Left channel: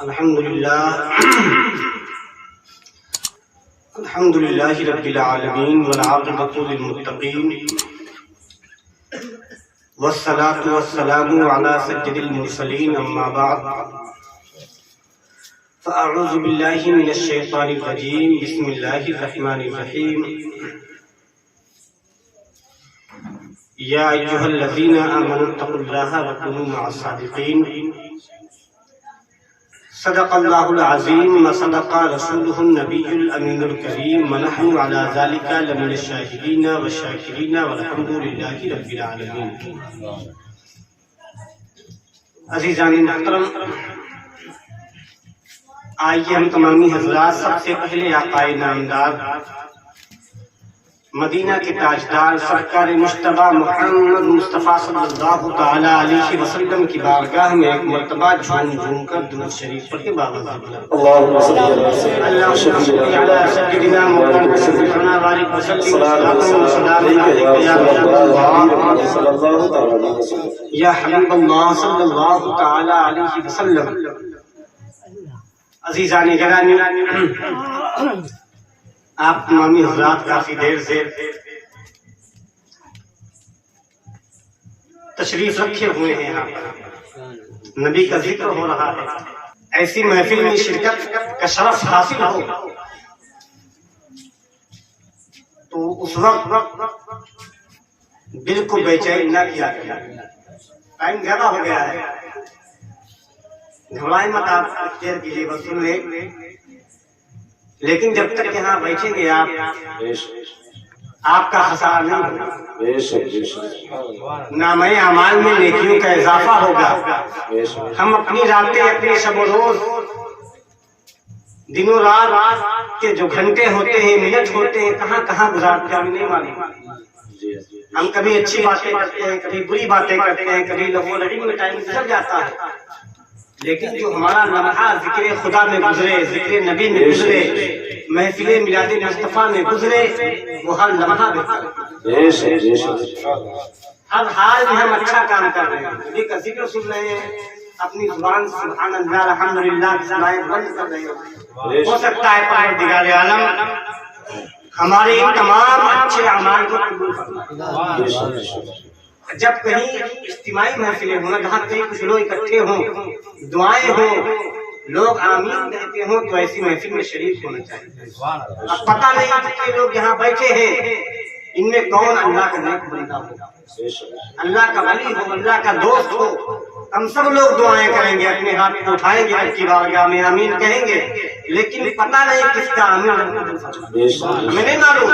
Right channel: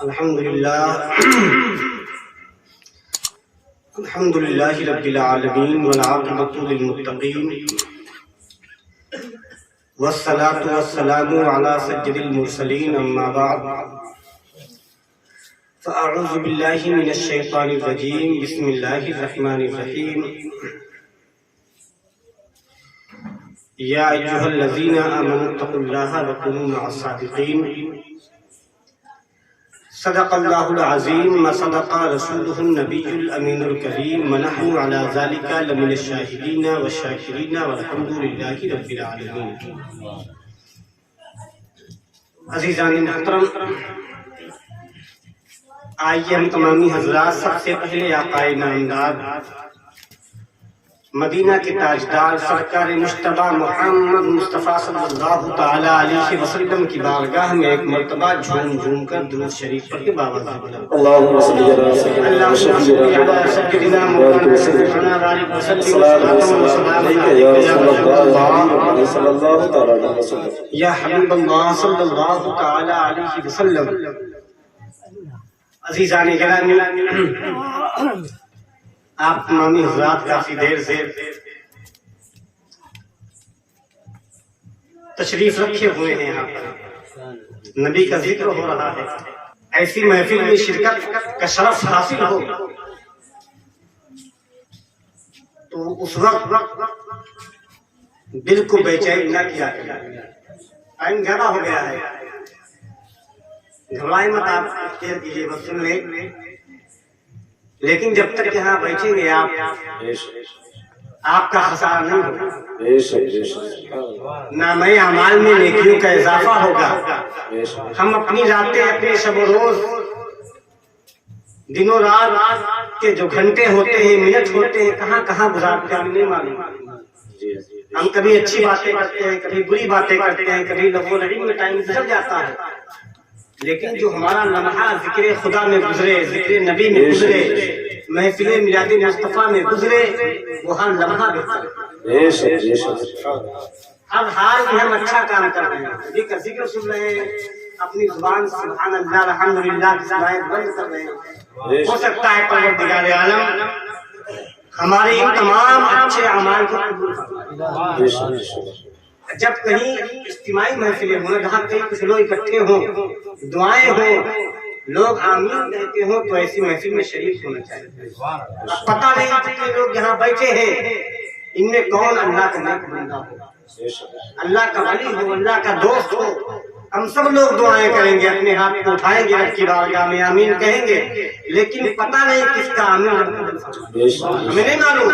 الحمد للہ رب العالمین والعاقبۃ للمتقین والصلاة والسلام علی سید المرسلین اما بعد فاعوذ باللہ من الشیطان الرجیم بسم اللہ الرحمن الرحیم یا ایھا الذین آمنوا اتقوا اللہ وکونوا مع الصادقین صدق اللہ العظیم وصدق رسولہ النبی الامین الکریم ونحن علی ذلک لمن الشاہدین والشاکرین والحمد للہ رب العالمین۔ عزیزان محترم، آئیے ہم تمامی حضرات سب سے پہلے آقا نامدار مدینہ کے تاجدار سرکار مجتبی محمد مصطفیٰ صلی اللہ تعالی علیہ وسلم کی بارگاہ میں ایک مرتبہ جھوم جھوم کر درود شریف پڑھ کے بابا اللہم صلی علی سیدنا مولانا سیدنا وعلیہ وسلم یا حبیب اللہ صلی اللہ تعالی علیہ وسلم۔ عزیزان گرامی، آپ تمامی حضرات کافی دیر سے تشریف رکھے ہوئے ہیں، یہاں پر نبی کا ذکر ہو رہا ہے، ایسی محفل میں شرکت کا شرف حاصل ہو تو اس وقت دل کو بے چین نہ کیا کرے۔ ٹائم زیادہ ہو گیا ہے، گھبرائیں مت، آپ اختیار کیجیے، بس سن لیں، لیکن جب تک یہاں بیٹھیں گے آپ کا خسارہ نہیں ہوگا، نامہ اعمال میں نیکیوں کا اضافہ ہوگا۔ ہم اپنی راتیں، اپنے شب و روز، دن و رات کے جو گھنٹے ہوتے ہیں، منٹ ہوتے ہیں، کہاں کہاں گزارتے ہیں ہمیں نہیں معلوم۔ ہم کبھی اچھی باتیں کرتے ہیں، کبھی بری باتیں کرتے ہیں، کبھی لغو و لعب میں ٹائم گزر جاتا ہے، لیکن جو ہمارا لمحہ ذکر خدا میں گزرے، ذکر نبی میں گزرے، محفل میلاد مصطفیٰ میں گزرے، وہ ہر لمحہ بہتر ہے۔ ہر حال میں ہم اچھا کام کر رہے ہیں، نبی کا ذکر سن رہے ہیں، اپنی زبان سبحان اللہ الحمدللہ کی زبان بند کر رہے ہیں۔ ہو سکتا ہے پروردگار عالم ہمارے ان تمام اچھے اعمال کو قبول فرمائے۔ جب کہیں اجتماعی محفلیں ہوں، جہاں کہیں کچھ لوگ اکٹھے ہوں، دعائیں ہوں، لوگ آمین کہتے ہوں، تو ایسی محفل میں شریک ہونا چاہیے۔ اب پتہ نہیں کتنے لوگ یہاں بیٹھے ہیں، ان میں کون اللہ کا نیک بندہ ہو، اللہ کا ولی ہو، اللہ کا دوست ہو۔ ہم سب لوگ دعائیں کریں گے، اپنے ہاتھ کو اٹھائیں گے، رب کی بارگاہ میں آمین کہیں گے، لیکن پتہ نہیں کس کا آمین ہمیں نہیں معلوم۔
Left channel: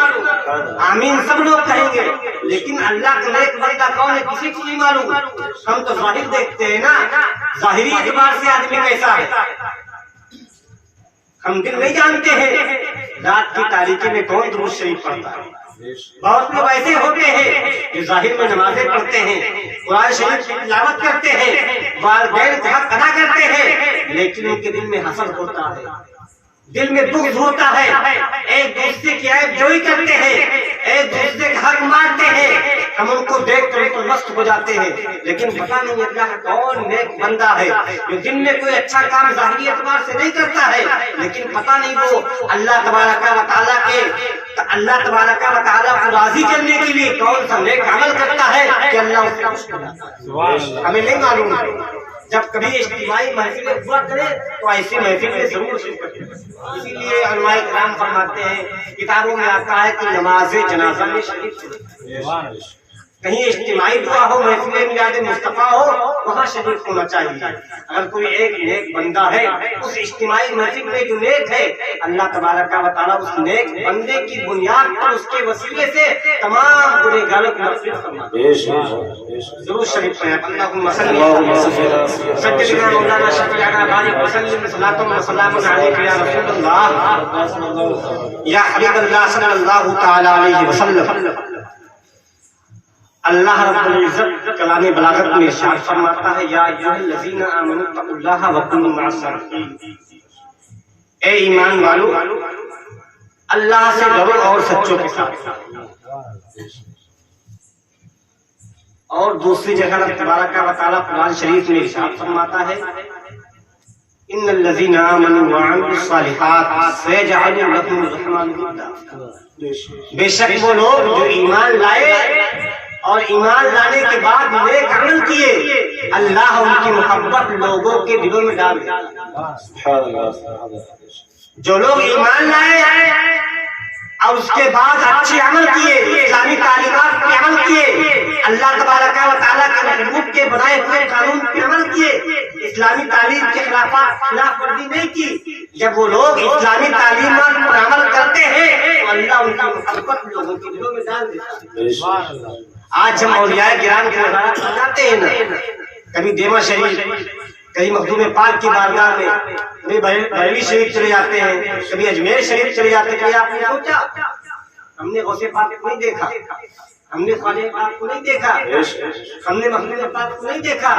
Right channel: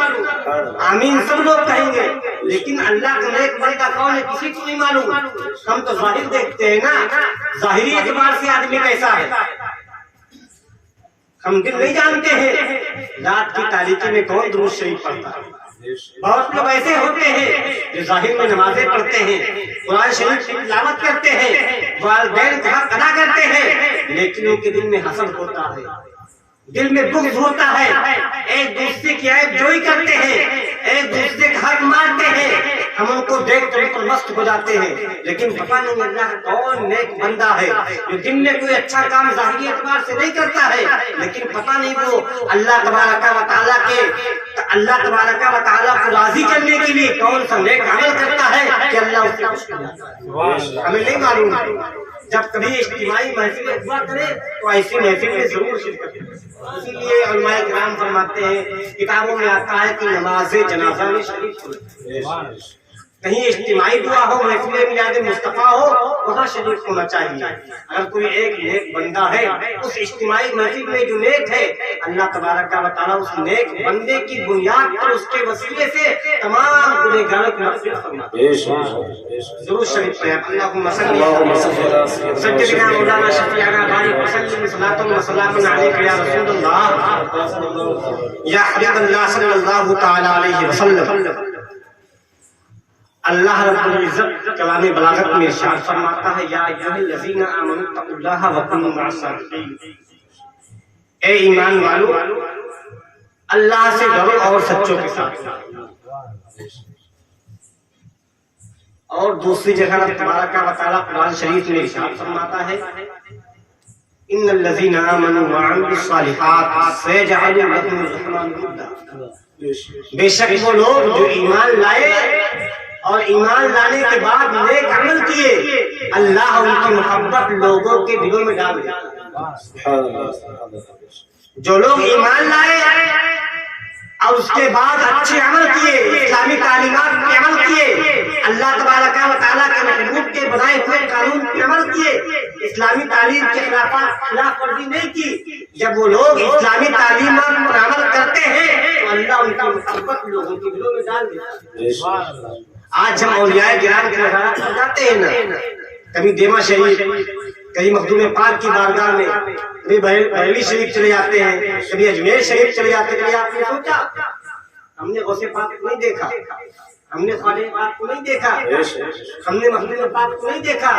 آمین سب لوگ کہیں گے، لیکن اللہ کا نیک بندہ کون ہے کسی کو نہیں معلوم۔ ہم تو ظاہر دیکھتے ہیں نا، ظاہری اعتبار سے آدمی کیسا ہے، ہم دل نہیں جانتے ہیں رات کی تاریکی میں کون درود شریف پڑھتا ہے۔ بہت لوگ ایسے ہوتے ہیں جو ظاہر میں نمازیں پڑھتے ہیں، قرآن شریف کی تلاوت کرتے ہیں، والدین کا حق ادا کرتے ہیں، لیکن ان کے دل میں حسد ہوتا ہے، دل میں بغض ہوتا ہے، ایک دوسرے کی عیب جوئی کرتے ہیں، ایک دوسرے کا حق مارتے ہیں۔ ہم ان کو دیکھ کر ان پر مست ہو جاتے ہیں، لیکن پتہ نہیں اللہ کون نیک بندہ ہے جو دن میں کوئی اچھا کام ظاہری اعتبار سے نہیں کرتا ہے، لیکن پتہ نہیں وہ اللہ تبارک و تعالیٰ کو راضی کرنے کے لیے کون سا نیک عمل کرتا ہے کہ اللہ اس سے خوش ہو جاتا ہے، ہمیں نہیں معلوم۔ جب کبھی اجتماعی محفل ہوا کرے تو ایسی محفل میں ضرور شرکت کریں۔ اسی لیے علماء کرام فرماتے ہیں، کتابوں میں آتا ہے کہ نماز جنازہ میں شریک ہونا، کہیں اجتماعی دعا ہو، محفل میلاد مصطفیٰ ہو، وہاں شریک ہونا چاہیے۔ اگر کوئی ایک نیک بندہ ہے، اس اجتماعی محفل میں جو نیک ہے، اللہ تبارک و تعالیٰ اس نیک بندے کی بنیاد پر اس کے وسیلے سے تمام گنہگاروں کو مغفرت فرماتے ہیں۔ ضرور شریف پڑھیں، اللہم صلی سیدنا مولانا شفیعنا بارک وسلم صلاۃ و سلام علیک یا رسول اللہ یا حبیب اللہ صلی اللہ تعالی علیہ وسلم۔ اللہ رب العزت کلام بلاغت میں ارشاد فرماتا ہے، یا ایھا الذین آمنوا اتقوا اللہ وکونوا مع الصادقین، اے ایمان والو اللہ سے ڈرو اور سچوں کے ساتھ۔ اور دوسری جگہ اللہ تبارک و تعالیٰ قرآن شریف میں ارشاد فرماتا ہے ان الذین آمنوا وعملوا الصالحات سیجعل لهم الرحمن ودا، بے شک وہ لوگ جو ایمان لائے اور ایمان لانے کے بعد نیک عمل کیے، اللہ ان کی محبت لوگوں کے دلوں میں ڈال دے۔ جو لوگ ایمان لائے اور اس کے بعد اچھے عمل کیے، اسلامی تعلیمات پہ عمل کیے، اللہ تبارک و تعالیٰ کے محبوب کے بنائے ہوئے قانون پہ عمل کیے، اسلامی تعلیم کے خلاف ورزی نہیں کی، جب وہ لوگ اسلامی تعلیمات پر عمل کرتے ہیں تو اللہ ان کی محبت لوگوں کے دلوں میں ڈال دیتا ہے۔ آج ہم اولیاء کرام کی وزارت کر جاتے ہیں نا، کبھی دیما شریف، کبھی مخدوم پاک کی بارگاہ میں، کبھی بریلی شریف چلے جاتے ہیں، کبھی اجمیر شریف چلے جاتے ہیں۔ کبھی آپ نے سوچا ہم نے غوث پاک کو نہیں دیکھا، ہم نے خواجہ پاک کو نہیں دیکھا، ہم نے مخدوم پاک کو نہیں دیکھا،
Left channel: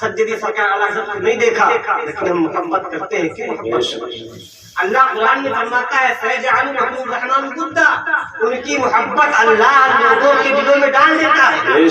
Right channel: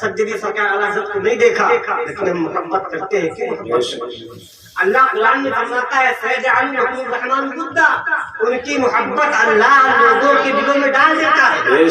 سجدی سرکار اعلیٰ حضرت کو نہیں دیکھا، لیکن ہم محبت کرتے ہیں۔ کیوں محبت کرتے ہیں؟ اللہ قرآن میں فرماتا ہے سیجعل لهم الرحمن ودا، ان کی محبت اللہ لوگوں کے دلوں میں ڈال دیتا ہے۔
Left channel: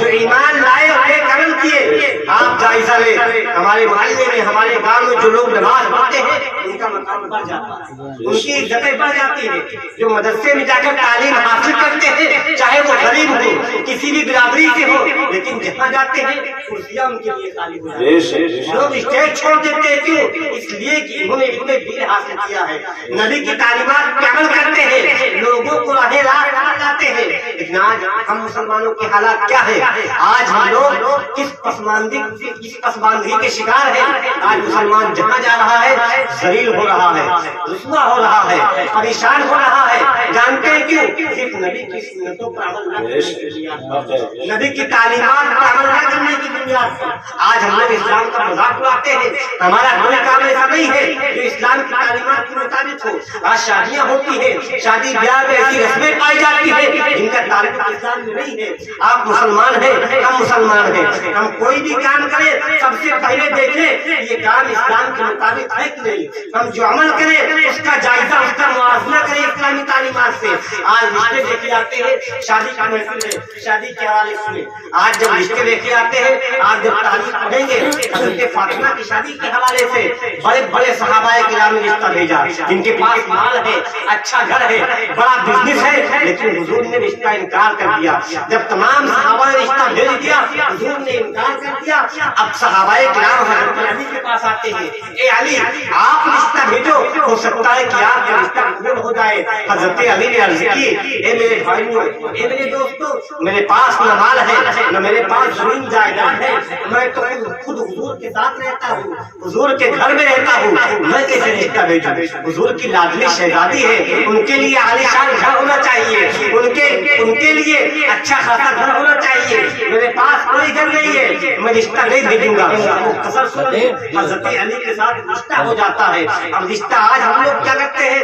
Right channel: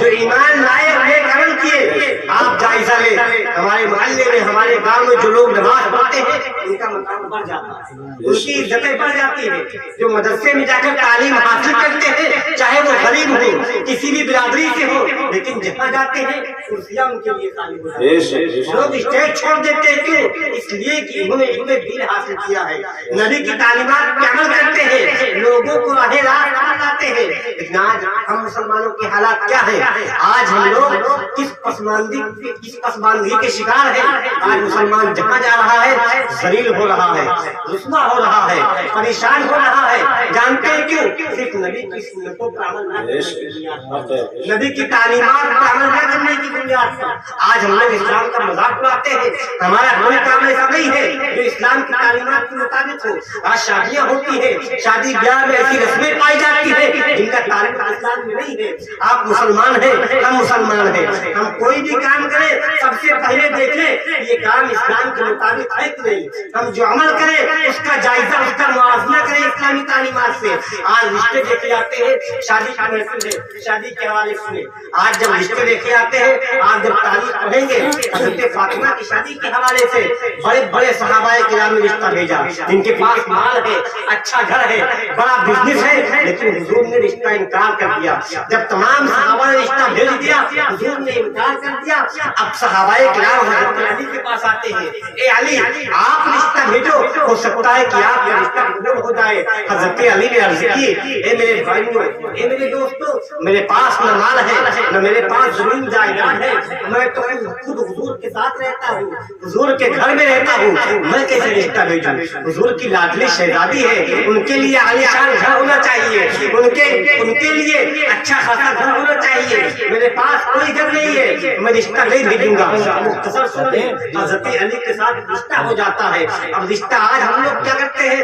جو ایمان لائے اور نیک عمل کیے، آپ جائزہ لیں، ہمارے محلے میں، ہمارے گاؤں میں جو لوگ نماز پڑھتے ہیں ان کا مقام بڑھ جاتا ہے، ان کی عزتیں بڑھ جاتی ہیں۔ جو مدرسے میں جا کر تعلیم حاصل کرتے ہیں، چاہے وہ غریب ہو، کسی بھی برادری سے ہو، لیکن جہاں جاتے ہیں کرسیاں ان کے لیے خالی ہو جاتی ہیں۔ لوگ اسٹیج چھوڑ دیتے ہیں، کیوں؟ اس لیے کہ انہوں نے علم دین حاصل کیا ہے، نبی کی تعلیمات پہ عمل کرتے ہیں، لوگوں کو راہ راست لاتے ہیں۔ لیکن آج ہم مسلمانوں کے حالات کیا ہے؟ آج ہم لوگ کس پسماندگی کے شکار ہیں؟ آج مسلمان جہاں جا رہا ہے ذلیل ہو رہا ہے، رسوا ہو رہا ہے، پریشان ہو رہا ہے۔ جانتے ہیں کیوں؟ صرف نبی کی سنتوں پر عمل نہ کرنے کی بنیاد پر، نبی کی تعلیمات پر عمل نہ کرنے کی بنیاد پر آج ہم لوگ اسلام کا مذاق اڑاتے ہیں۔ ہمارا کوئی کام ایسا نہیں ہے جو اسلام کی تعلیمات کے مطابق ہو۔ آج شادیاں ہوتی ہیں، شادی بیاہ میں ایسی رسمیں پائی جاتی ہیں جن کا تعلق اسلام میں نہیں ہے۔ آپ مسلمان ہیں، ہم مسلمان ہیں، ہم کوئی بھی کام کریں سب سے پہلے دیکھیں یہ کام اسلام کے مطابق ہے کہ نہیں۔ ہم جو عمل کریں اس کا جائزہ، اس کا موازنہ کریں اسلامی تعلیمات سے۔ آج رشتے دیکھے جاتے ہیں، شادی کی محفل ہے، شادی کے حوالے سے آج جب رشتے دیکھے جاتے ہیں، آج جب تاریخ پڑھیں گے حضرت فاطمہ کی شادی کے حوالے سے بڑے بڑے صحابہ کرام نے رشتہ بھیجا، جن کے پاس مال ہے، اچھا گھر ہے، بڑا بزنس ہے، لیکن حضور نے رشتہ انکار کر دیا۔ جب تمام صحابہ نے رشتہ بھیج دیا، حضور نے انکار کر دیا۔ اب صحابہ کرام حضرت علی کے پاس آتے ہیں، اے علی آپ رشتہ بھیجو، ہو سکتا ہے کہ آپ کا رشتہ قبول ہو جائے۔ حضرت علی نے عرض کی، اے میرے بھائیوں، اے میرے دوستوں، میرے پاس نہ مال ہے، نہ میرے پاس زمین جائیداد ہے، میں تو خود حضور کے ساتھ رہتا ہوں، حضور کے گھر میں رہتا ہوں، میں کیسے رشتہ بھیجوں؟ حضور کی لاڈلی شہزادی ہے، ان کے لیے عالیشان گھر ہونا چاہیے، ان کے لیے اچھا خاصا گھر ہونا چاہیے۔ میرے پاس کوئی گھر نہیں ہے، میں رشتہ نہیں بھیجوں گا۔ مختصر سنیں، حضرت علی کے ساتھ رشتہ ہو جاتا ہے۔ اب رشتہ آج ہم لوگ کیا کرتے ہیں؟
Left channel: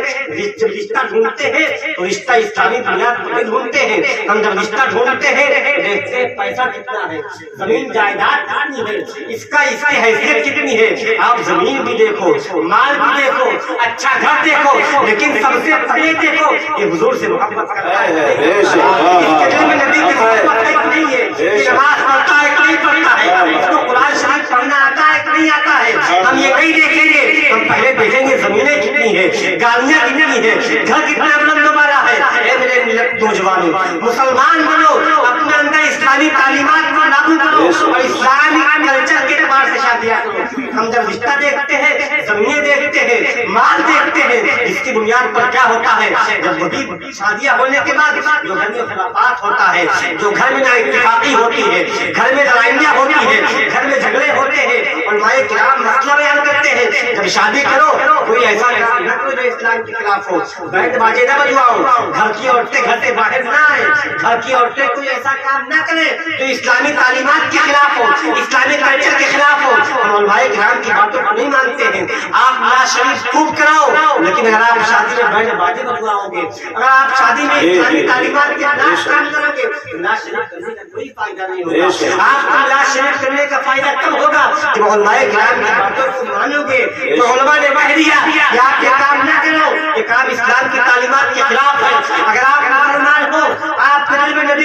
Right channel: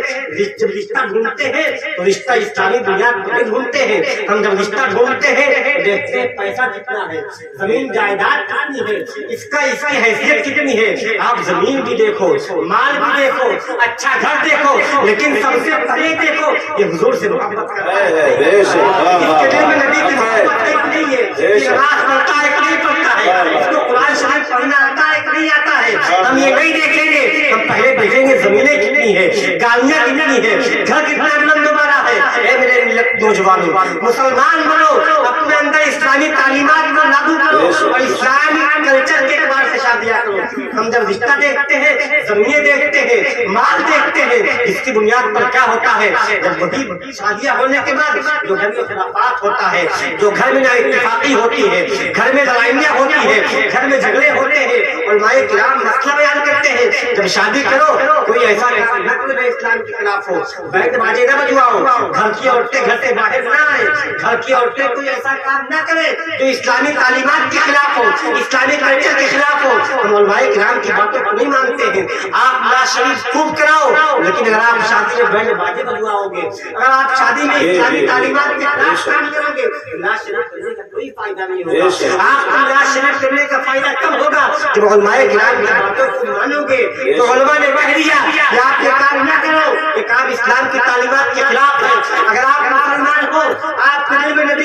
جب رشتہ ڈھونڈتے ہیں تو رشتہ اسلامی بنیاد پر ڈھونڈتے ہیں۔ ہم جب رشتہ ڈھونڈتے ہیں دیکھتے ہیں پیسہ کتنا ہے، زمین جائیداد کتنی ہے، اس کی حیثیت کتنی ہے۔ آپ زمین بھی دیکھو، مال بھی دیکھو، اچھا گھر دیکھو، لیکن سب سے پہلے دیکھو یہ حضور سے محبت کرتا ہے، اس کے دل میں نبی کی محبت ہے کہ نہیں ہے، یہ نماز پڑھتا ہے کہ نہیں پڑھتا ہے، اس کو قرآن شریف پڑھنا آتا ہے کہ نہیں آتا ہے۔ ہم یہ نہیں دیکھیں گے، ہم پہلے دیکھیں گے زمینیں کتنی ہے، گاڑیاں کتنی ہے، گھر کتنا بلند دوبارہ ہے۔ اے میرے ملت نوجوانوں، مسلمان بنو، اپنے اندر اسلامی تعلیمات کو لاگو کرو اور اسلامی کلچر کے اعتبار سے شادیاں کرو۔ ہم جب رشتہ دیکھتے ہیں، زمینیں دیکھتے ہیں، مال دیکھتے ہیں، جس کی بنیاد پر کیا ہوتا ہے؟ جب وہی شادیاں ہونے کے بعد جو گھر میں خلافات ہوتا ہے، جو گھر میں نااتفاقی ہوتی ہے، گھر میں لڑائیاں ہوتی ہے، گھر میں جھگڑے ہوتے ہیں، علماء کرام مسئلہ بیان کرتے ہیں، جب شادی کرو کوئی ایسا کام نہ کرو جو اسلام کے خلاف ہو، بینڈ باجے نہ بجواؤ، گھر کی عورتیں گھر سے باہر نہ آئیں، گھر کی عورتیں کوئی ایسا کام نہ کریں جو اسلامی تعلیمات کے خلاف ہو، اسلامی کلچر کے خلاف ہو۔ ہم علماء کرام کی باتوں کو نہیں مانتے ہیں۔ آپ نعت شریف خوب کراؤ، لیکن اگر آپ شادی میں بینڈ باجے بجواؤ گے، اگر آپ شادی میں اسلامی تعلیمات کے خلاف کام کرو گے، نعت شریف کرنے کا کوئی فائدہ نہیں ہوگا۔ آپ کو نعت شریف کرنے کا فائدہ کب ہوگا؟ جب علماء کرام کی باتوں کو مانو گے۔ تو علماء نے کہہ دیا کہ آپ یہ کام نہ کرو، یہ کام اسلام کی تعلیمات کے خلاف ہے۔ اگر آپ مسلمان ہو، آپ کے دل میں نبی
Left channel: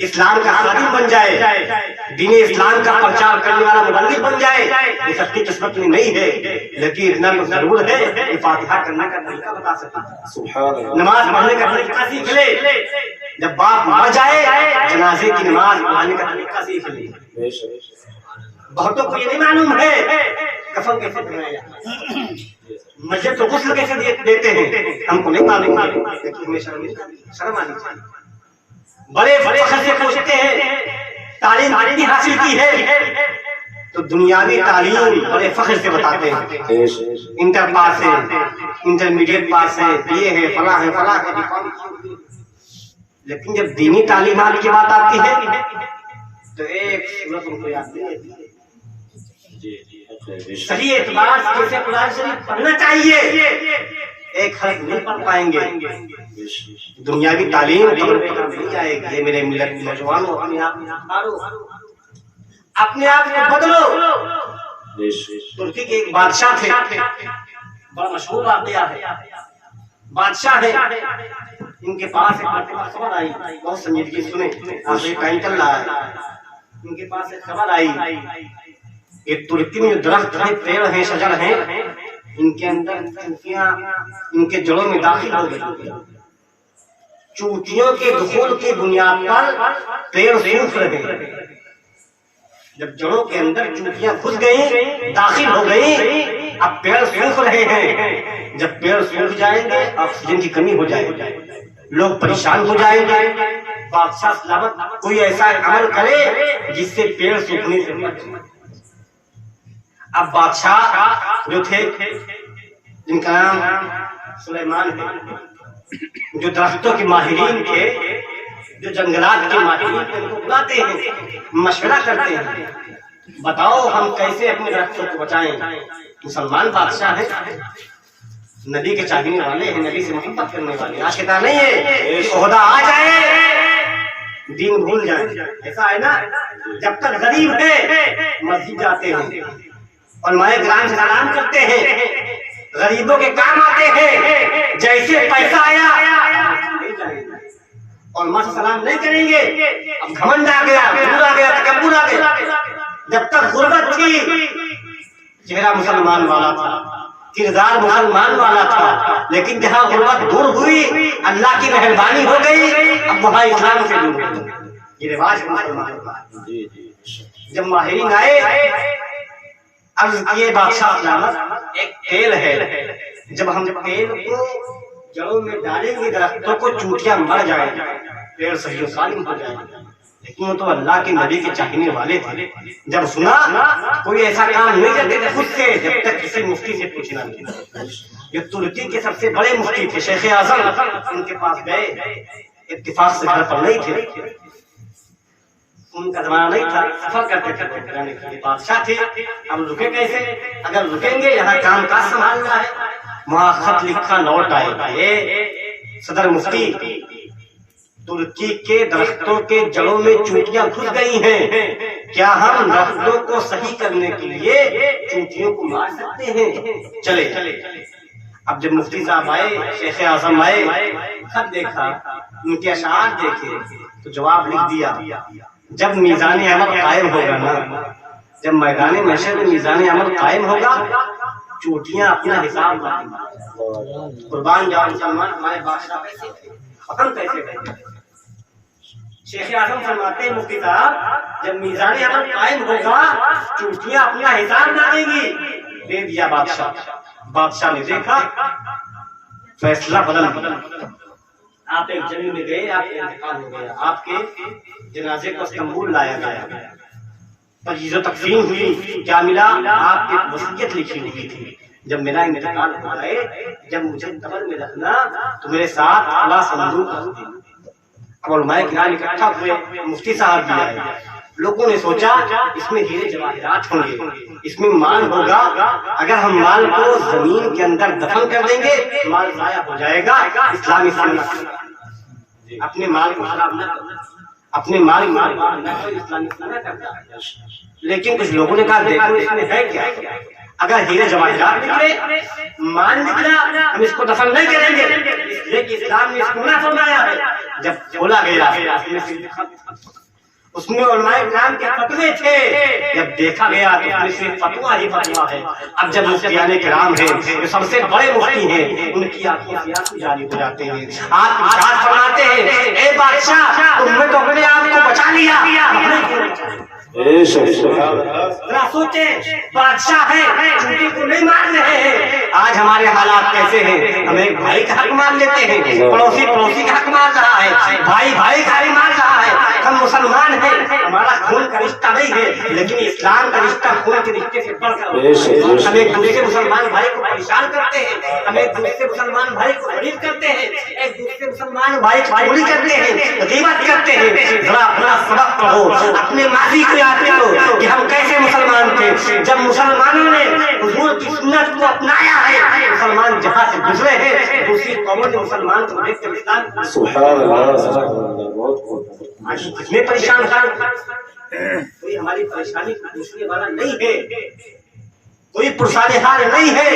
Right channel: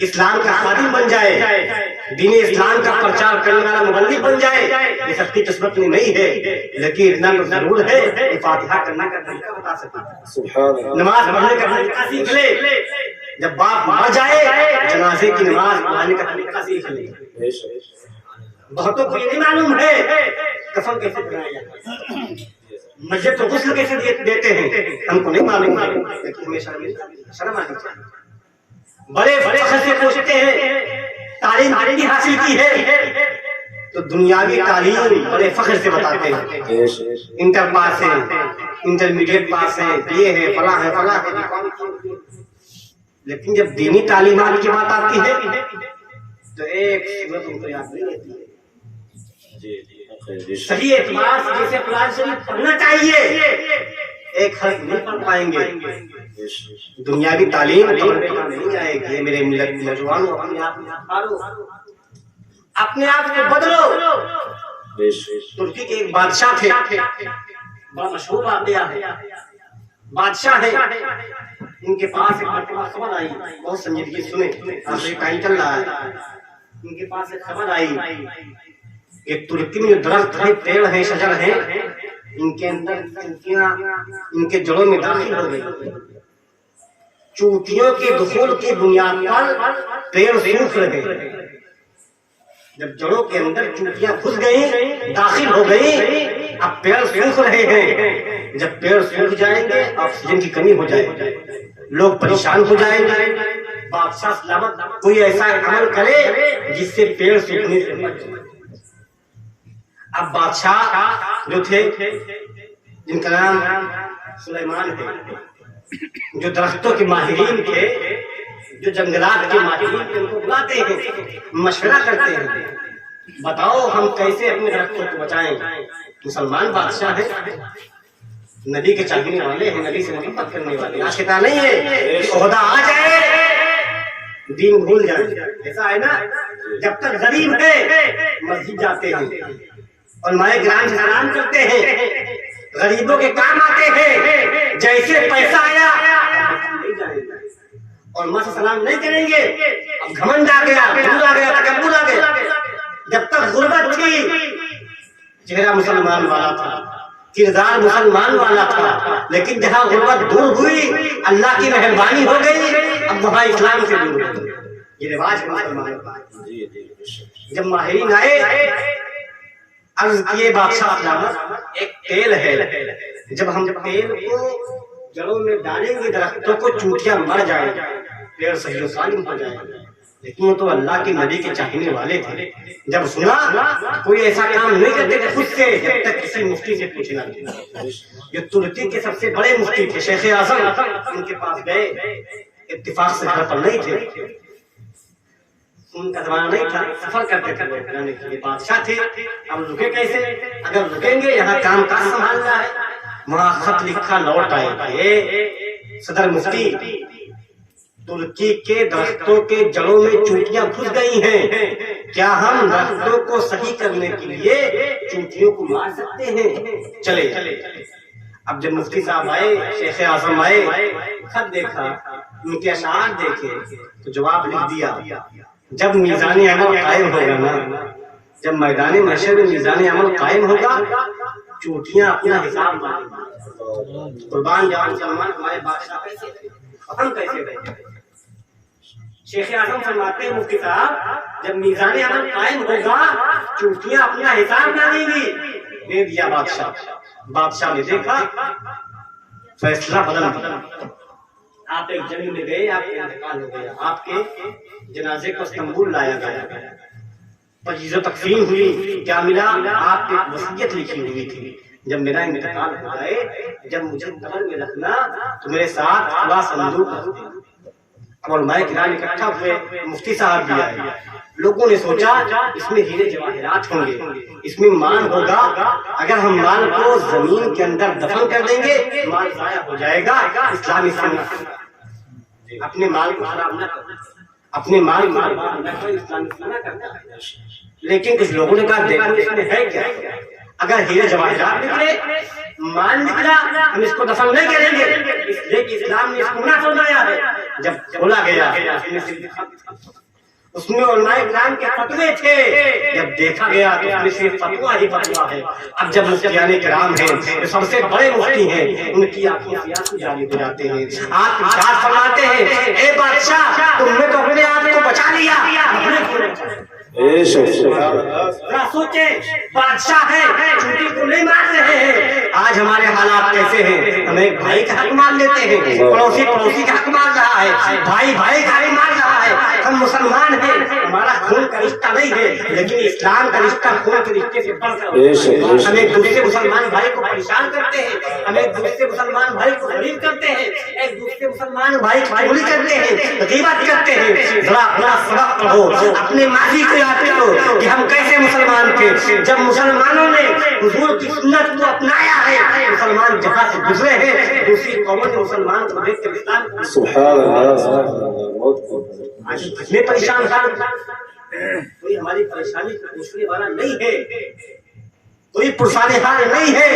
اسلام کا خادم بن جائے، دین اسلام کا پرچار کرنے والا مبلغ بن جائے، یہ سب کی قسمت میں نہیں ہے، لیکن اتنا تو ضرور ہے کہ فاتحہ کرنے کا طریقہ بتا سکے، نماز پڑھنے کا طریقہ سیکھ لے، جب باپ مر جائے جنازے کی نماز پڑھنے کا طریقہ سیکھ لے۔ بہتوں کو یہ نہیں معلوم ہے کفن کیسے پہنایا جاتا ہے، مسجد تو غسل کیسے دیتے ہیں، ہم کو نہیں معلوم ہے، لیکن ہمیں شرم آنی چاہیے۔ بڑے فخر سے پوچھتے ہیں تعلیم کتنی حاصل کی ہے، تو دنیاوی تعلیم بڑے فخر سے بتاتے ہیں، انٹر پاس ہے، انٹرمیڈیٹ پاس ہے، یہ ہے، فلاں ہے، فلاں ہے، لیکن جب دینی تعلیمات کی بات آتی ہے تو ایک صورت ان کو یاد نہیں رہتی ہے۔ صحیح اعتبار سے جیسے قرآن شریف پڑھنا چاہیے ایک حرف نہیں پڑھ پائیں گے، دنیاوی تعلیم نہیں آئے گی۔ میرے ملت نوجوانوں اپنے آپ کو بدلو۔ ترکی کے ایک بادشاہ تھے، بڑا مشہور واقعہ ہے، بادشاہ ہے، ان کے پاس ایک مرتبہ خبر آئی، بہت سنجیدگی سنیں، آخری ٹائم چل رہا ہے، ان کے پاس ایک خبر آئی کہ ترکی میں درخت ہیں، پیڑ ہیں، شجر ہیں، ان کے اندر چوٹیاں ان کے جڑوں میں داخل ہو گئی، چوٹیوں کے دخول کی بنیاد پر پیڑ سوکھ رہے ہیں۔ جب جڑوں کے اندر چوٹیاں گھس گئیں، داخل ہو گئیں، اب پیڑ سوکھ رہے ہیں، جب پیڑ سوکھ جائیں گے آکسیجن کی کمی ہو جائے گی، لوگ پریشان ہو جائیں گے، بادشاہ سلامت کوئی ایسا عمل کرے جس سے پیڑ سوکھنے سے بچے۔ اب بادشاہ جو تھے جن کا نام سلیمان ہے، جو درختوں کے ماہرین تھے، جو جنگلات کے ماہرین تھے، ان کو بلاتے ہیں، مشورہ کرتے ہیں، بتاؤ ہم کیسے اپنے درختوں کو بچائیں۔ مسلمان بادشاہ ہے، نبی کے چاہنے والے ہیں، نبی سے محبت کرنے والے، آج کہتا نہیں ہے عہدہ آ جائے دین بھول جائیں، ایسا ہے نا، جب تک غریب ہے مسجد جاتے ہیں، علماء کرام سے سلام کرتے ہیں، غریبوں کے کام آتے ہیں، جیسے پیسہ آیا نہیں جائیں گے، علماء سے سلام نہیں کریں گے، اب گھمنڈ آ گیا، غرور آ گیا، تکبر آ گیا۔ جب تک غربت تھی چہرہ مسلمان والا تھا، کردار مسلمان والا تھا، لیکن جہاں غربت دور ہوئی اللہ کی مہربانی ہو گئی، اب وہاں اسلام سے دور ہو گئی۔ یہ رواج مسلمان کا ہے۔ جب ماہرین آئے عرض کیے بادشاہ سلامت ایک تیل ہے، جب ہم تیل کو جڑوں میں ڈالیں گے درختوں کو چوٹیاں مر جائیں، پیڑ صحیح و سالم ہو جائیں، لیکن وہ تو اللہ کے نبی کے چاہنے والے تھے، جب سنا کوئی ایسا کام نہیں کرتے تھے خود سے جب تک کسی مفتی سے پوچھنا نہیں۔ یہ ترکی کے سب سے بڑے مفتی تھے شیخ اعظم، ان کے پاس گئے، اتفاق سے گھر پر نہیں تھے، ان کا زمانہ نہیں تھا، سفر کرتے تھے، یعنی کہ بادشاہ تھے، اب رکے کیسے؟ اگر رکیں گے یہاں کام کاج سنبھالنا ہے، وہاں خط لکھا لوٹ آئے، صدر مفتی ترکی کے درختوں کے جڑوں میں چوٹیاں گھس گئی ہیں، کیا ہم درختوں کو صحیح کرنے کے لیے چوٹیوں کو مار سکتے ہیں؟ چلے۔ اب جب مفتی صاحب آئے، شیخ اعظم آئے، خط دیکھا، ان کے اشعار دیکھے تو جواب لکھ دیا، جب میزان عمل قائم ہوگا نا، جب میدان محشر میں میزان عمل قائم ہوگا، چوٹیاں اپنا حساب مانیں گی۔ قربان جاؤ مسلمان، ہمارے بادشاہ کیسے تھے، ہم کیسے رہے؟ شیخ اعظم فرماتے ہیں مفتی صاحب جب میزان عمل قائم ہوگا چوٹیاں اپنا حساب مانیں گی۔ دے دیا بادشاہ نے دیکھا، فیصلہ بدل دیا، آپ ایک جنگ میں گئے، آپ کا انتقال ہو گیا، آپ کے جنازے کو استنبول لایا گیا، تجہیز و تقسیم ہوئی، کیا ملا؟ آپ کی وصیت لکھی ہوئی تھی، جب میرا انتقال ہو گئے، جب مجھے قبر میں رکھنا تو میرے ساتھ خلا صندوق رکھ دینا۔ اور علماء کرام اکٹھا ہوئے، مفتی صاحب بھی آئے، لوگوں نے سوچا اس میں ہیرے جواہرات ہوں گے، اس میں مال ہوگا، اگر ہم مال کو زمین کے اندر دفن کر دیں گے مال ضائع ہو جائے گا، اسلامی سنت اپنے مال کو خراب نہ کرنا، اپنے مال نہ اسلامی سنت کرتا ہے۔ لیکن کچھ لوگوں نے کہا دیکھو اس میں ہے کیا، اگر ہیرے جواہرات نکلے، مال نکلا، ہم اس کو دفن نہیں کریں گے، اس لیے کہ اسلام نے اس کو نہ فرمایا ہے جب کھولا گیا اس میں علماء کرام کے فتوے تھے، جب دیکھا گیا تو اس میں صرف فتوا ہی فتوا ہے۔ اب جب مفتیان کرام ہیں جو سب سے بڑے مفتی ہیں، ان کی آنکھوں سے آنسو جاری ہو جاتے ہیں۔ آپ ارشاد فرماتے ہیں اے بادشاہ تم نے تو اپنے آپ کو بچا لیا، ذرا سوچیں بادشاہ ہے چوٹی کو نہیں مار رہے ہیں۔ آج ہمارے حالات کیسے ہیں؟ ہم ایک بھائی کا حق مان لیتے ہیں، پڑوسی پڑوسی کا حق مان رہا ہے، بھائی بھائی کا حق مان رہا ہے۔ ہم مسلمان ہیں، ہمارا خون کا رشتہ نہیں ہے، لیکن اسلام کا رشتہ خون کے رشتے سے بڑھ کر ہم ایک دوسرے مسلمان بھائی کو پریشان کرتے ہیں، ہم ایک دوسرے مسلمان بھائی کو غریب کرتے ہیں، ایک دوسرے مسلمان بھائی کو چوری کرتے ہیں، غیبت کرتے ہیں۔ ذرا اپنا سبق پڑھو، اپنے ماضی کو یاد کرو کہ ہم کیسے مسلمان تھے۔ جب مسلمانوں نے حضور کی سنت کو اپنایا ہے، مسلمان جہاں سے گزرے ہیں دوسری قوموں نے مسلمان کو دیکھ کر اسلام سبحان اللہ میں پریشان تھا۔ کوئی ہماری پریشانی کو پوچھنے والا نہیں ہے، کوئی پرسان حال نہیں ہے۔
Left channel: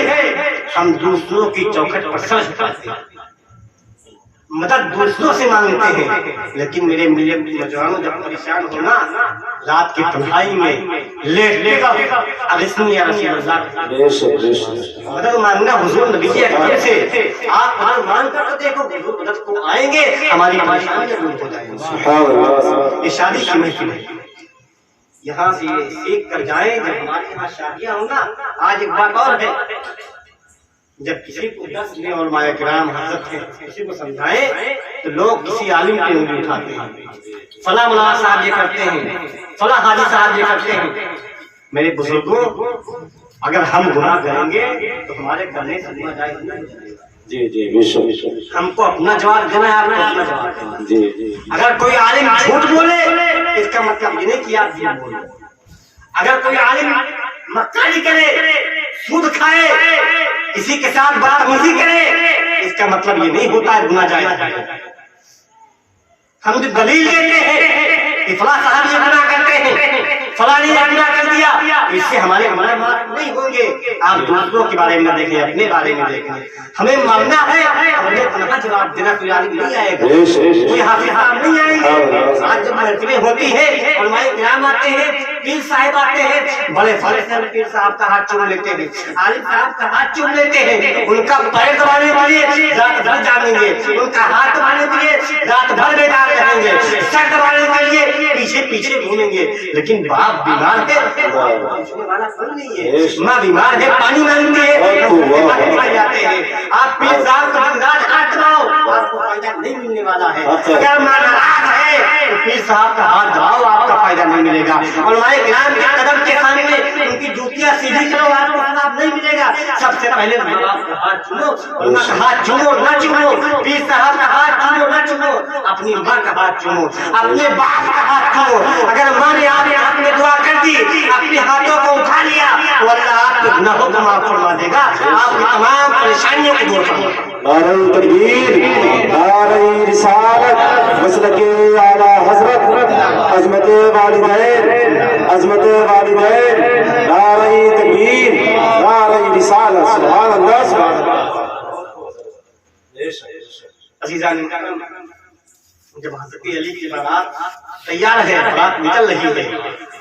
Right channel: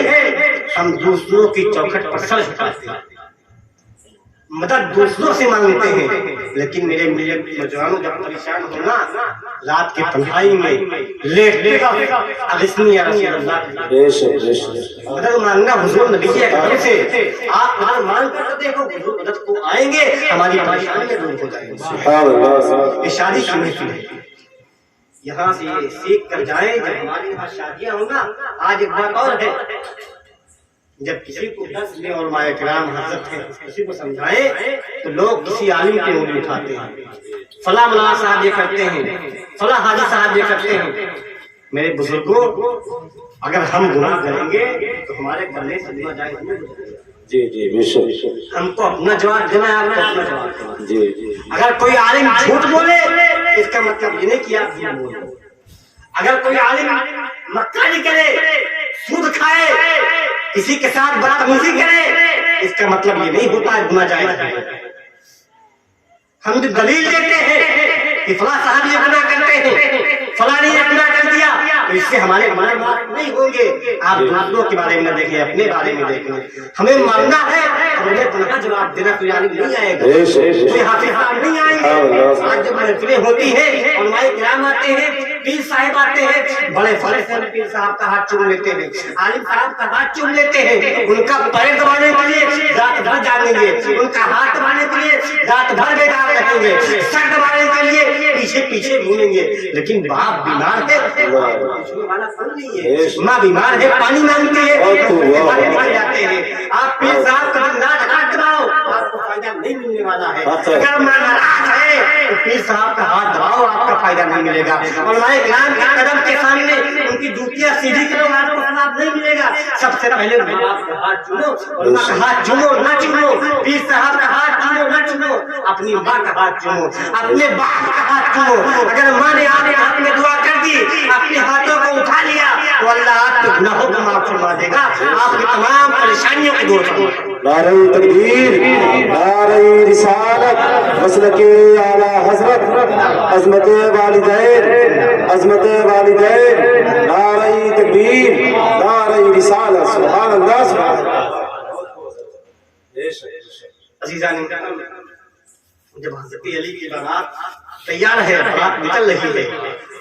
ہم دوسروں کی چوکھٹ پر سر جھکاتے ہیں، مدد دوسروں سے مانگتے ہیں، لیکن میرے نوجوانوں جب پریشان ہونا رات کی تنہائی میں لیٹنے کا اغثنی یا رسول اللہ مدد مانگنا حضور نبی اکرم سے۔ آپ مدد مانگ کر تو دیکھو حضور مدد کو آئیں گے، ہماری پریشانیاں دور ہو جائیں گی۔ یہ شادی کی محفل ہے، یہاں سے یہ سیکھ کر جائیں جب ہمارے یہاں شادیاں ہوں نا۔ آج ایک بات اور ہے، جب کسی کو دس میں علماء کرام حضرت ہیں کسی کو سمجھائیں تو لوگ کسی عالم کی انگلی اٹھاتے ہیں، فلاں مولانا صاحب یہ کرتے ہیں، فلاں حاجی صاحب یہ کرتے ہیں۔ میرے بزرگوں اگر ہم گناہ کریں گے تو ہمارے کرنے سے گناہ جائز نہیں ہو جائے گا۔ جی جی بے شک، ہم کو اپنا جواب دینا ہے، آپ کو اپنا جواب دینا۔ جی جی، اگر کوئی عالم جھوٹ بولے اس کا مطلب یہ نہیں کہ آپ جھوٹ بولے، اگر کوئی عالم مکاری کرے، سود کھائے، کسی کے ساتھ بدتمیزی کرے، اس کا مطلب یہ نہیں ہوتا ہے گناہ جائز ہے۔ ہم جو دلیل دیتے ہیں کہ فلاں صاحب یہ گناہ کرتے ہیں، فلاں نے یہ گناہ کر دیا، تو اس سے ہمارے گناہ معاف نہیں ہوں گے۔ آپ دوسروں کے بارے میں نہ دیکھیں، اپنے بارے میں دیکھیں۔ ہمیں مرنا ہے، ہمیں تنہا جواب دینا کوئی عالم نہیں آئے گا، کوئی حافظ صاحب نہیں آئیں گے۔ آج جب محفلیں ہوتی ہیں، علماء کرام آتے ہیں، پیر صاحب آتے ہیں، بڑے فخر سے پیر صاحب کا ہاتھ چوم لیتے ہیں، عالم صاحب کا ہاتھ چوم لیتے ہیں، ان کا پیر دبانے کے لیے رات بھر جاگیں گے، ان کا ہاتھ دبانے کے لیے رات بھر بیدار رہیں گے، سر دبانے کے لیے پیچھے پیچھے گھومیں گے۔ لیکن باپ بیمار ہے، پوچھنے والا کوئی نہیں ہے، ماں بیمار ہے، پانی مانگتی ہے، جاتے ہیں۔ آپ پیر صاحب کا رات ہاتھ دباؤ، آپ کو فائدہ نہیں ملنے والا ہے۔ اگر ماں ناراض ہے تو پیر صاحب کا ہاتھ دباؤ، آپ کا فائدہ نہیں ملے گا۔ علماء کرام کے قدم کے سامنے ان کی جوتیاں سیدھی کرو، آپ کو ثواب نہیں ملے گا۔ سب سے پہلے ماں باپ کا ہاتھ چومو، علماء کا ہاتھ چومو نہ چومو، پیر صاحب کا ہاتھ چومو نہ چومو، اپنی ماں کا ہاتھ چومو، اپنے باپ کا ہاتھ چومو۔ اگر ماں نے آپ کے ہاتھ میں دعا کر دی، اپنے ہاتھوں کو اٹھا لیا تو اللہ آپ کے گناہوں کو معاف فرما دے گا، آپ کی تمام پریشانیوں کو دور کرے گا۔ نعرہ تکبیر، نعرہ رسالت، مسلک اعلی حضرت، عظمت والدین، عظمت والدین، نعرہ تکبیر، نعرہ رسالت، سبحان اللہ سبحان اللہ۔ عزیزان جب حضرت علی کی بارات تیار ہے، بارات نکل رہی ہے،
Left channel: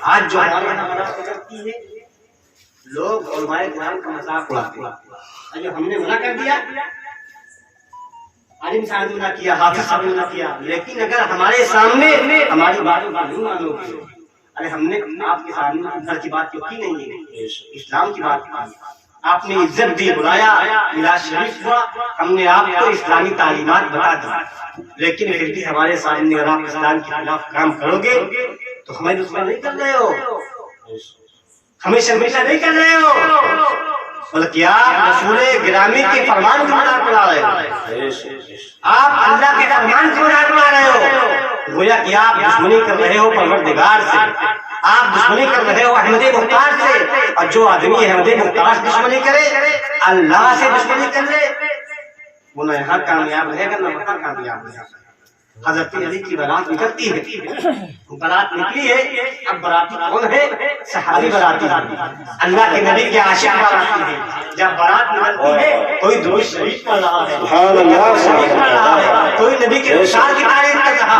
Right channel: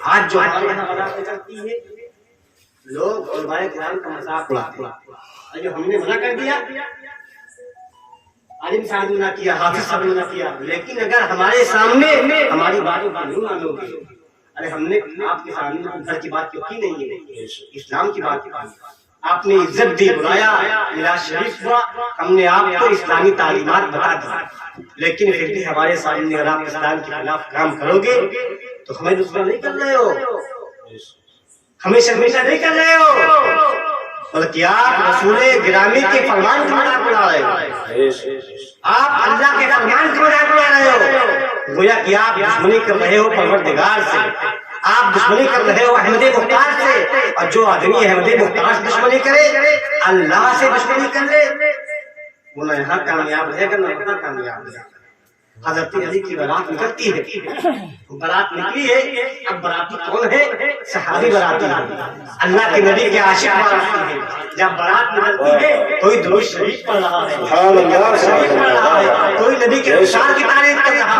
آج جو ہمارے یہاں بارات نکلتی ہے لوگ علماء کرام کا مذاق اڑاتے ہیں، جو ہم نے منع کر دیا، عالم صاحب نے نہ کیا، حافظ صاحب نے نہ کیا، لیکن اگر ہمارے سامنے ہماری باتوں کو نہیں مانو گے، ارے ہم نے آپ کے سامنے گھر کی بات کی نہیں ہے، اسلام کی بات کی، آپ نے عزت دی، بلایا، میلاد شریف ہوا، ہم نے آپ کو اسلامی تعلیمات بتا دی، لیکن پھر بھی ہمارے سامنے اگر آپ اسلام کے خلاف کام کرو گے تو ہمیں دشمن نہیں کر رہے ہو، ہمیں شرمندہ نہیں کر رہے ہو، بلکہ آپ رسول گرامی کے فرمان کو مذاق اڑا رہے ہو، آپ اللہ کے فرمان کو مذاق اڑا رہے ہو، گویا کہ آپ دشمنی کر رہے ہو پروردگار سے، آپ دشمنی کر رہے ہو احمد مختار سے، اور جو آدمی احمد مختار سے دشمنی کرے، اللہ سے دشمنی کر لے، وہ نہ یہاں کامیاب رہے گا نہ وہاں کامیاب رہے گا۔ حضرت علی کی بارات نکلتی ہے، بارات نکلی ہے، اب باراتی کون ہے؟ صحابی باراتی ہے، اللہ کے نبی کے عاشق باراتی ہے۔ جب بارات نکلتی ہے کوئی درود شریف پڑھ رہا ہے، کوئی نبی کے اشعار کی تعریف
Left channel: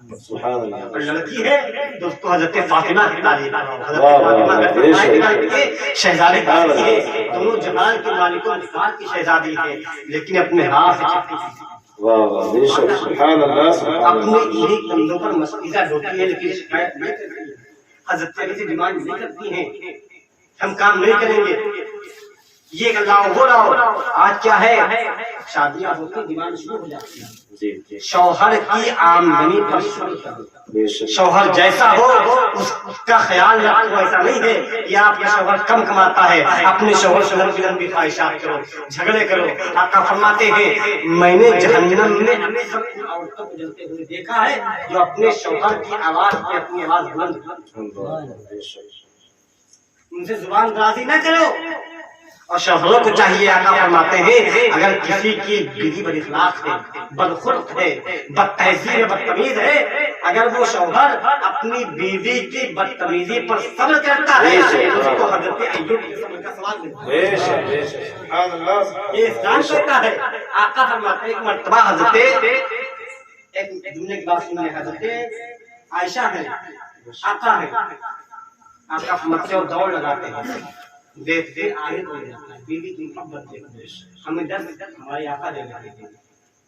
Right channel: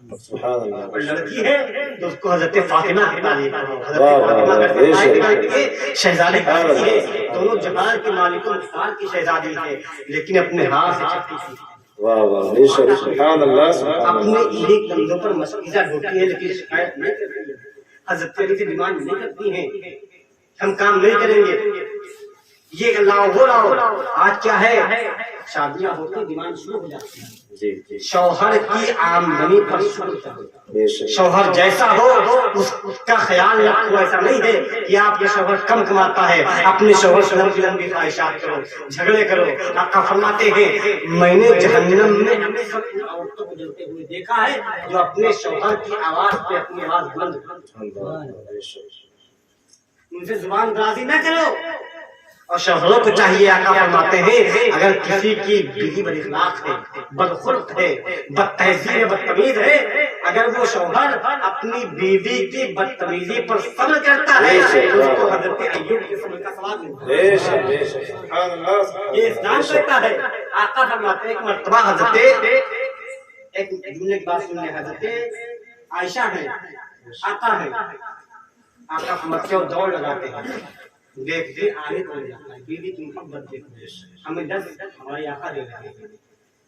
سبحان اللہ. اور لڑکی ہے تو اس کو حضرت فاطمہ کی تعلیم کرو. حضرت واہ واہ فاطمہ واہ، کا بے شک. نکالتی ہے شہزادی بنتی ہے. دونوں جہان کے مالک و مختار کی شہزادی ہے لیکن اپنے ہاتھ سے چپتی تھی. واہ واہ بے شک. سبحان اللہ سبحان اپنے اللہ. ایک کندھوں پر مسکیزہ ڈھوتی ہے لیکن شکایت نہیں کرتی ہے. حضرت علی سے ڈیمانڈ نہیں کرتی ہیں ہم کام نہیں کریں گے یہ لاؤ وہ لاؤ. آج کیا ہے شادیاں ہوتی ڈیمانڈ شروع ہو جاتی ہے. جی جی شوہر کی آمدنی پر شروع کر دو. بے شک. شوہر جیسا ہو اس کا خیال رکھو. ایسا نہیں ہے کہ آپ کا شوہر کم کماتا ہے اپنے شوہر سے لمبی لمبی خواہشات کرو جھگڑے کرو. آقا فرماتے ہیں میں نے جہنم میں اکثر ان عورتوں کو جلتے ہوئے دیکھا ہے جو اپنے شوہر کی آواز پہ اپنی آواز بلند بے شک. ان سے زبان درازی نہ کرو. اور شوہروں کو چاہیے آقا فرماتے ہیں اگر کسی کی بیوی بد اخلاق ہے بدخلق ہے بد تہذیب ہے بدتمیز ہے اگر وہ شوہر اپنی بیوی کی بدتمیزی پر صبر کرتا ہے تو اس کو حضرت ایوب کے صبر کا ثواب ملتا ہے. بے شک بے شک. سبحان اللہ. یہ اسلام کہتا ہے. آقا فرماتے ہیں ایک مرتبہ حضرت ایک جملے کی بات سننے حضرت عائشہ ہے آقا ہے. آقا فرماتے ہیں دوڑ لگاتے ہیں دیکھتے آگے ہو جاتا ہے بیوی کی محبت دیکھتے ہمیں ڈر ہمارے آقا دے رہے ہیں.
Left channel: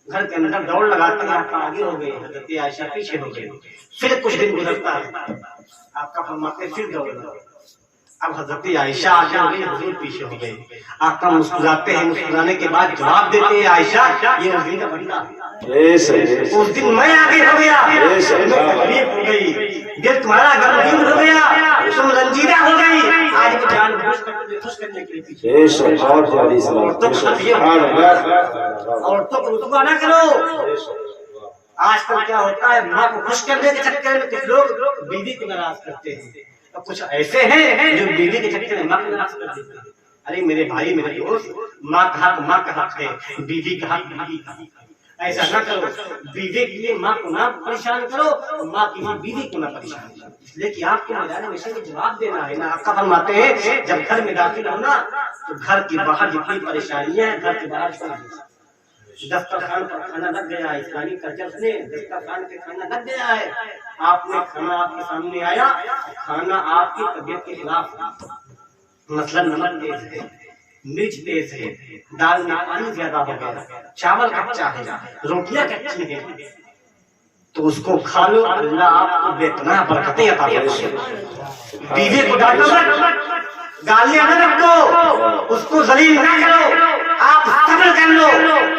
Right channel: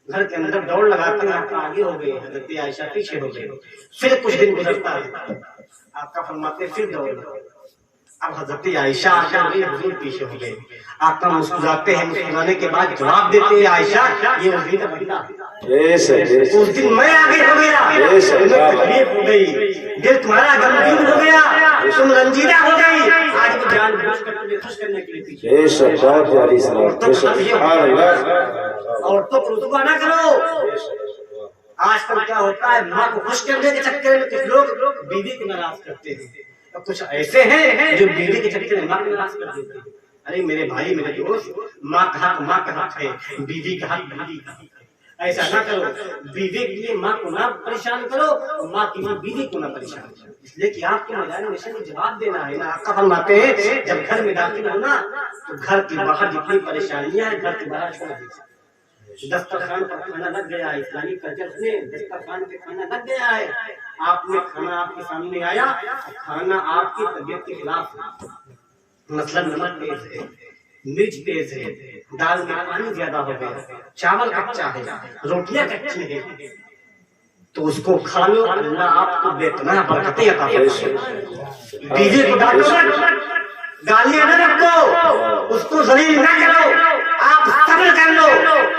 گھر کے اندر دوڑ لگاتے ہیں آقا آگے ہو گئے حضرت عائشہ پیچھے ہو گئے. پھر کچھ دن گزرتا ہے آقا فرماتے ہیں پھر دوڑ لگاتے. اب حضرت عائشہ آگے ہو گئی حضور پیچھے ہو گئے. آقا مسکراتے ہیں مسکرانے کے بعد جواب دیتے ہیں عائشہ یہ اس دن کا بندہ بے شک. اس دن میں آگے ہو گیا تمہیں تکلیف ہو گئی دل تمہارا غمگین ہو گیا تم رنجیدہ ہو گئی. آج وہ جان بوجھ کر تمہیں خوش کرنے کے لیے پیچھے. بے شک. بہت پیاری سلام. بے شک. سبحان اللہ. عورتوں کو رسوا نہ کرو. آج کل کیا ہوتا ہے ماں کو خوش کرنے کے چکر میں کچھ لوگ بیوی کو ناراض کرتے ہیں اور کچھ ایسے ہیں جو بیوی کے چکر میں ماں کو ناراض کر دیتے ہیں. ارے میرے بھائی میرے دوست ماں کا حق ماں کا حق ہے بیوی کا حق بیوی کا حق ہے. ایسا نہ کرو. بیوی کے لیے ماں کو نہ پریشان کرو ماں کی ماں بیوی کو نہ پریشان کرو. اس لیے کہ آپ کے میدان میں سے جواب دینا ہے نا. آقا فرماتے ہیں جب گھر میں داخل ہونا تو گھر کے باہر جتنی پریشانیاں ہیں گھر کے باہر چھوڑ دیجیے. دسترخوان پر کھانا لگ گیا ہے اسلامی کلچر سے دسترخوان پہ کھانا لگ گیا ہے. آپ نے کھانا آپ کے سامنے آیا کھانا آپ کی طبیعت کے خلاف مثلا نمک تیز ہے مرچ تیز ہے دال میں پانی زیادہ ہو گیا چاول کچا ہے روٹیاں کچی ہیں تو اس کو کھا لو. اللہ آپ کو بے پناہ برکتیں عطا فرمائے. بیوی کو ڈانٹو مت گالیاں نہ رکھو اس کو ذلیل نہ کرو. آپ صبر کر لو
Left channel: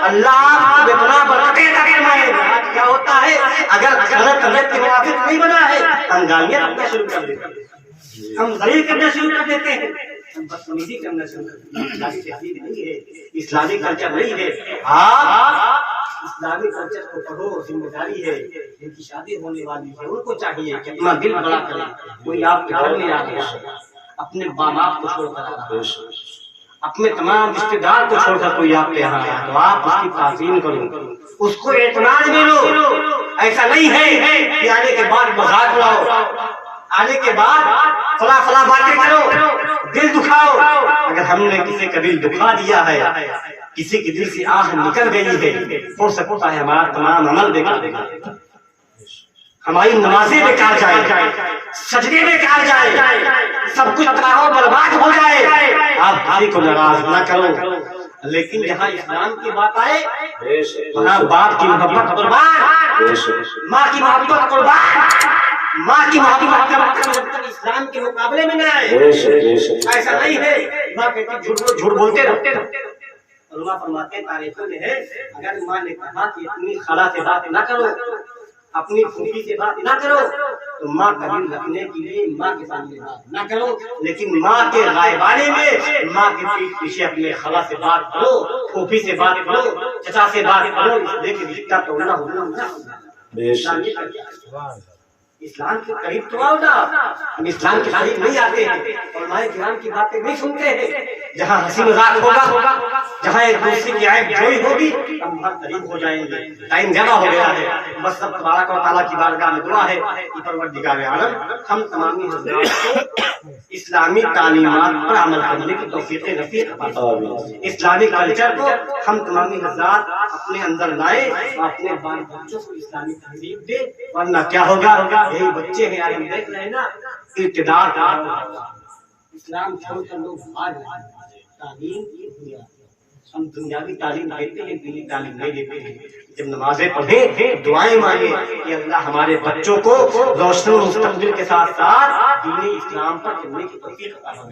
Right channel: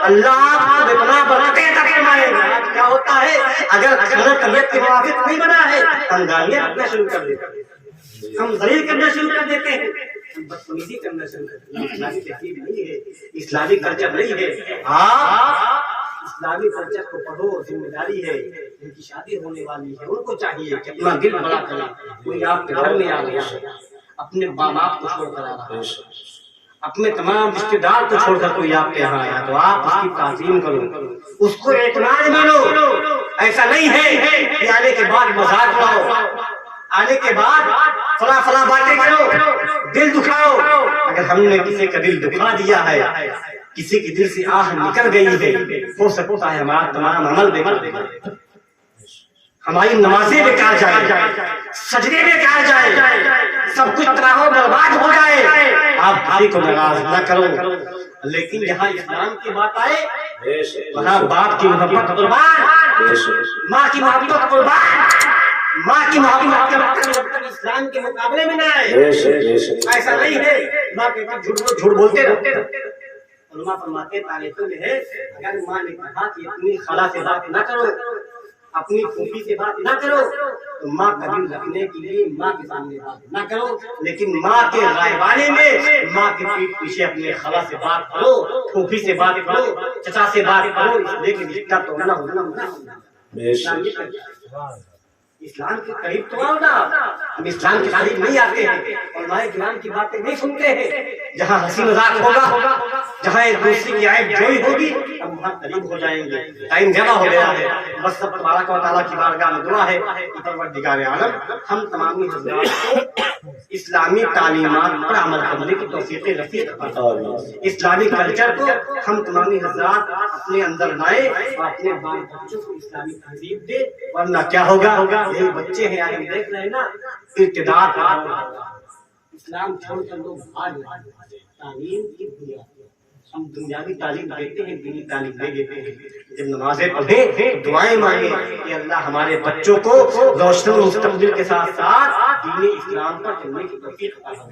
اللہ آپ کو بے پناہ برکتیں عطا فرمائے گا. آج کیا ہوتا ہے اگر کھانا طبیعت کے موافق نہیں بنا ہے ہم گالیاں رکھنا شروع کر دیتے ہیں ہم ذلیل کرنا شروع کر دیتے ہیں ہم بدتمیزی کرنا شروع کر دیتے ہیں. اسلامی تہذیب نہیں ہے اسلامی کلچر نہیں ہے. آپ اسلامی کلچر کو پڑھو ذمہ داری ہے. ان کی شادی ہونے والی ہے ان کو چاہیے کہ اپنا دل بڑا کرے. کوئی آپ کے گھر میں آ گیا اپنے ماں باپ کو چھوڑ کر آ رہا ہے اپنے تمام رشتے دار کو چھوڑ کر کوئی آپ کے یہاں آیا تو آپ اس کی تعظیم کرو اس کو اعتماد میں لو. ایسا نہیں ہے کہ آنے کے بعد مذاق اڑاؤ آنے کے بعد فلاں فلاں باتیں کرو دل دکھاؤ. اگر ہم نے کسی کا دل دکھا دیا ہے کسی کے دل سے آہ نکل گئی ہے ہو سکتا ہے ہمارا تمام عمل بیکار جائے ہماری نمازیں بیکار جائے سجدے بیکار جائے سب کچھ تباہ و برباد ہو جائے. آپ کسی کو ناراض نہ کرو لیکن جہاں اسلام کی بات آئے وہاں باپ کی محبت قربان ماں کی محبت قربان. ماں کی محبت جب تک اسلام کے مقابلے میں نہ آئے. ایسا نہیں ہے ماں کہتی جھوٹ بولتے رہتے. علماء فرماتے ہیں تاریخوں میں ہے اگر ماں نے کہا کہ اپنی خالہ سے بات نہ کرو اپنی پھوپھی سے بات نہ کرو تو ماں کا دل رکھنے کے لیے ماں کے سامنے بات نہ کرو لیکن ماں کے غائبانے میں ماں کے پیٹ پیچھے اپنے خالہ سے بات کرو پھوپھی سے بات کرو چچا سے بات کرو. اس لیے کہ رشتہ توڑنا ہونا اسلام کے قریب تو آؤ نا. ہم اسلام کے قریب نہیں آتے ہیں علماء کرام کی باتیں نہیں سنتے ہیں جہاں ہنسی مذاق ہوگا، جہاں ایک دوسرے کی عیب جوئی ہوگی، ہم وہاں قریب ہو جائیں گے. ٹائم جمع ہو گیا ہے. بس سب تبارک و تعالیٰ کی بارگاہ میں دعا ہے کہ پروردگار عالم ہم تمامی حضرات کو اسلامی تعلیمات پر عمل کرنے کی توفیق نصیب فرمائے. اسلامی کلچر کو ہم تمامی حضرات اپنے اندر لائیں اور اپنے بال بچوں کو اسلامی تہذیب دے، ورنہ کیا ہوگا؟ یہی بچے ہیں آج ہم دیکھ رہے ہیں نا، ارتداد کا اسلام چھوڑ کر لوگ بھاگ رہے ہیں. تعلیم کی بنیاد ہم دنیاوی تعلیم دیتے ہیں، دینی تعلیم نہیں دیتے ہیں. جب نمازیں پڑھیں دعائیں مانگیں کہ اللہ ہمارے بچوں کو روشن مستقبل کے ساتھ ساتھ دین اسلام پر چلنے کی توفیق عطا فرمائے.